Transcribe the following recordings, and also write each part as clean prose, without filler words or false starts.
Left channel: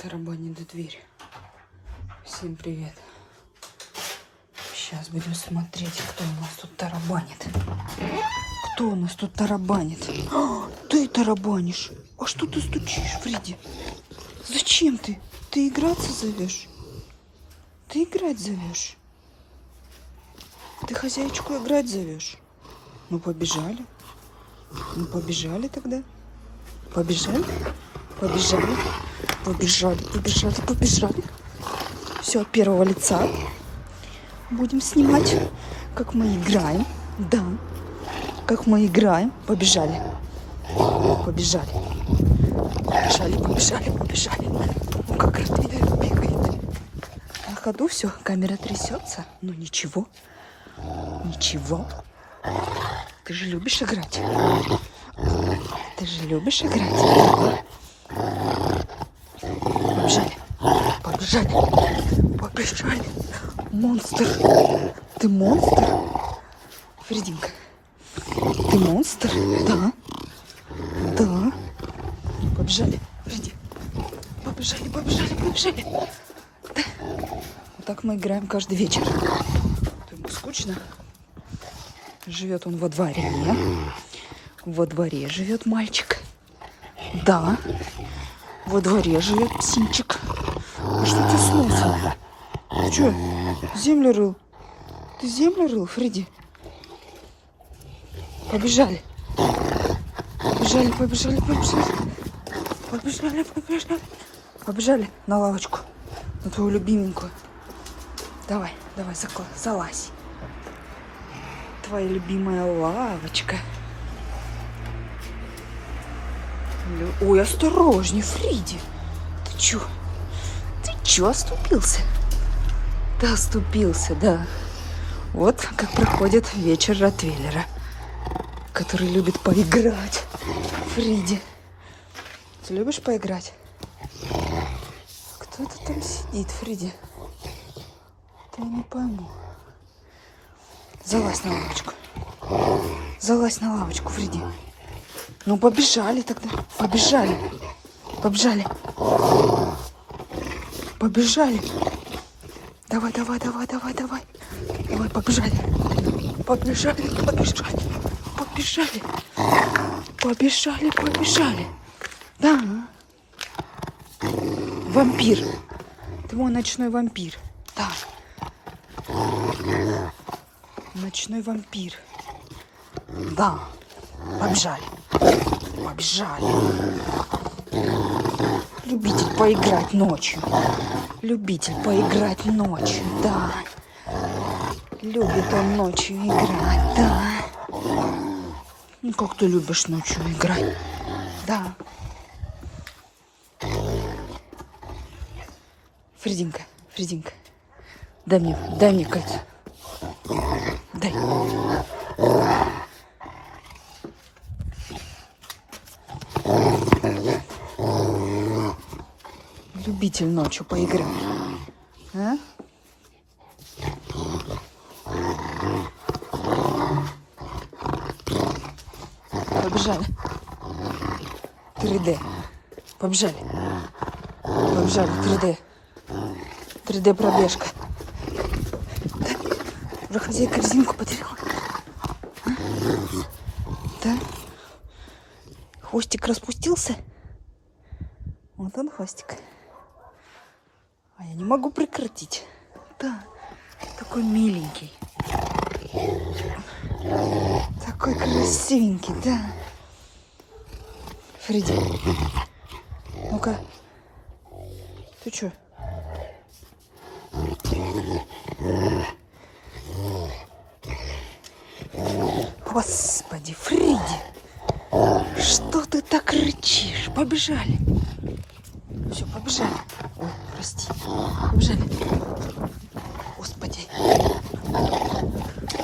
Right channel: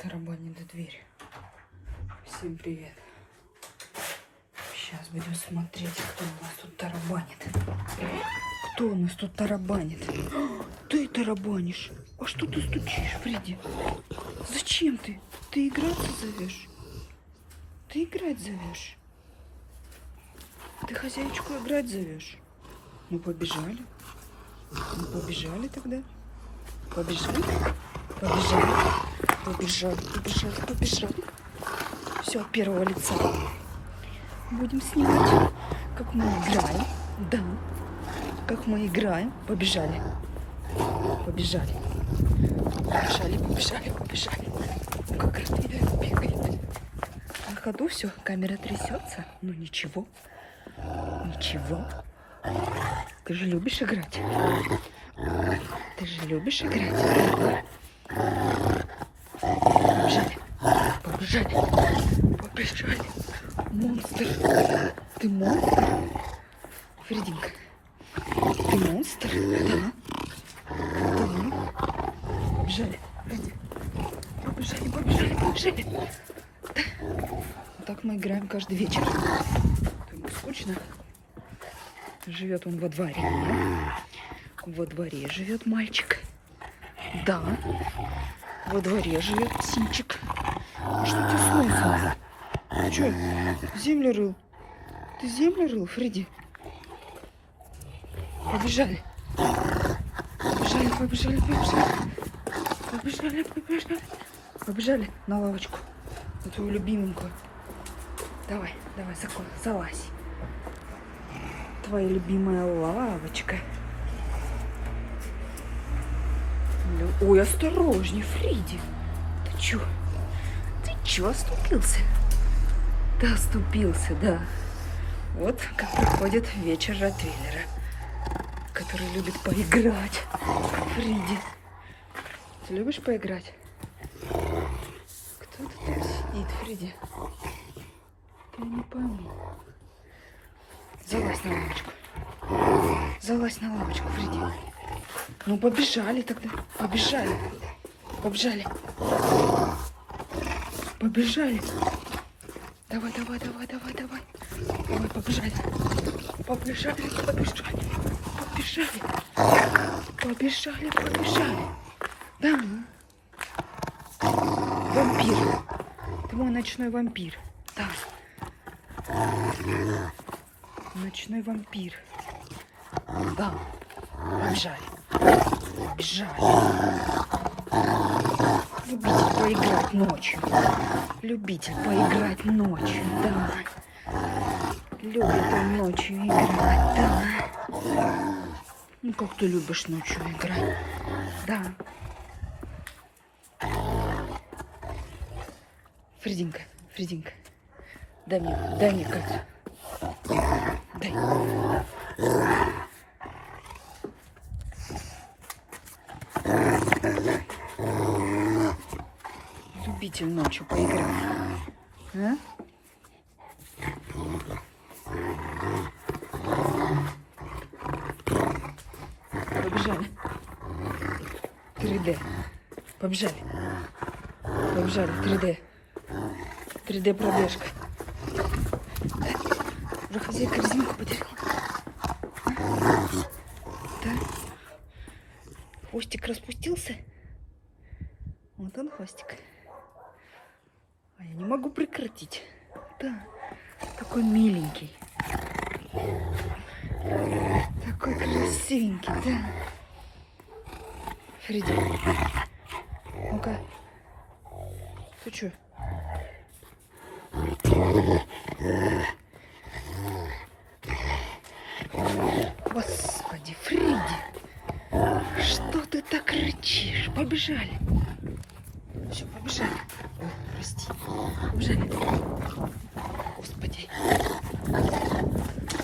Тарабанит до двери. Всем привет. Сейчас будем смотреть, кто у нас тут тарабанит. Кто у нас тут тарабанит? Ты тарабанишь. А что ты стучишь, Фредди? Зачем ты? Ты играться зовешь? Ты играть зовешь? Ты хозяйку играть зовешь? Ну, побежали. Ну, побежали тогда. Побежали? Побежали. Побежали, побежали, побежали. Все, от первого лица. Будем снимать, как мы играем. Да. Как мы играем. Побежали. Побежали. Побежали, побежали, побежали. Ну, как Ротвейлер бегает. На ходу все, камера трясется. Ну, ничего. Ничего. Ты же любишь играть? Ты же любишь играть? Побежали. Побежали. Побежали. Монстр. Ты монстр? Фрединка. Ты монстр? Да. Да. Побежали. Фредди. Побежали, побежали, побежали. Да. Вот так мы играем каждый вечер. Тут скучно. Живет он во дворе. Во дворе живет мальчик. Да. Во дворе живет птенчик. А что тебе с носом? Ты что, землю рыл? Ты землю рыл, Фредди? Побежали. Побежали, побежали, побежали. Побежали, побежали. Побежали на лавочку. На твою любименькую. Давай, давай, залазь. Твоя любимая лавочка. Ой, осторожней, Фредди. Ты чё? Ты чё оступился? Ты оступился, да. Вот как проходит вечер Ротвейлера, который любит поиграть. Фредди, ты любишь поиграть? Кто это там сидит, Фредди? Я не пойму. Залазь на лавочку. Залазь на лавочку, Фредди. Ну, побежали тогда. Побежали. Побежали. Побежали. Давай, давай, давай, давай, давай. Давай, побежали. Побежали, побежали. Побежали. Побежали, побежали. Да. Вампир. Ты мой ночной вампир. Да. Ночной вампир. Да. Побежали. Побежали. Любитель поиграть ночью. Любитель поиграть ночью, да. Любит он ночью играть, да. Ну, как ты любишь ночью играть, да. Фрединка, Фрединка, дай мне кольцо. Дай. Любитель ночью поиграть. А? Побежали. 3D. Побежали. Побежали. 3D. 3D пробежка. Уже хозяйка резинку потеряла. Да? Хвостик распустился. Вот он хвостик. А я не могу прекратить. Да, такой миленький. Такой красивенький, да. Фредди, ну-ка. Ты что? Господи, Фредди, что ты так рычишь? Побежали. Все, побежали. Ой, прости. Побежали. Господи.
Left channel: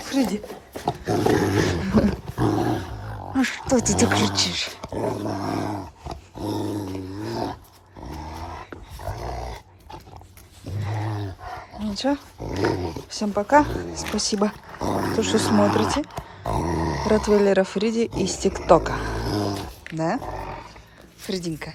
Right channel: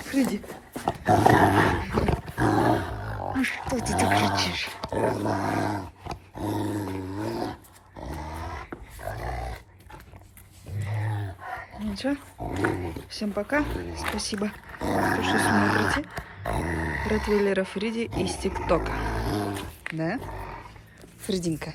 Фредди. А что ты так кричишь? Ну что? Всем пока. Спасибо, что смотрите Ротвейлера Фредди из ТикТока. Да? Фрединка.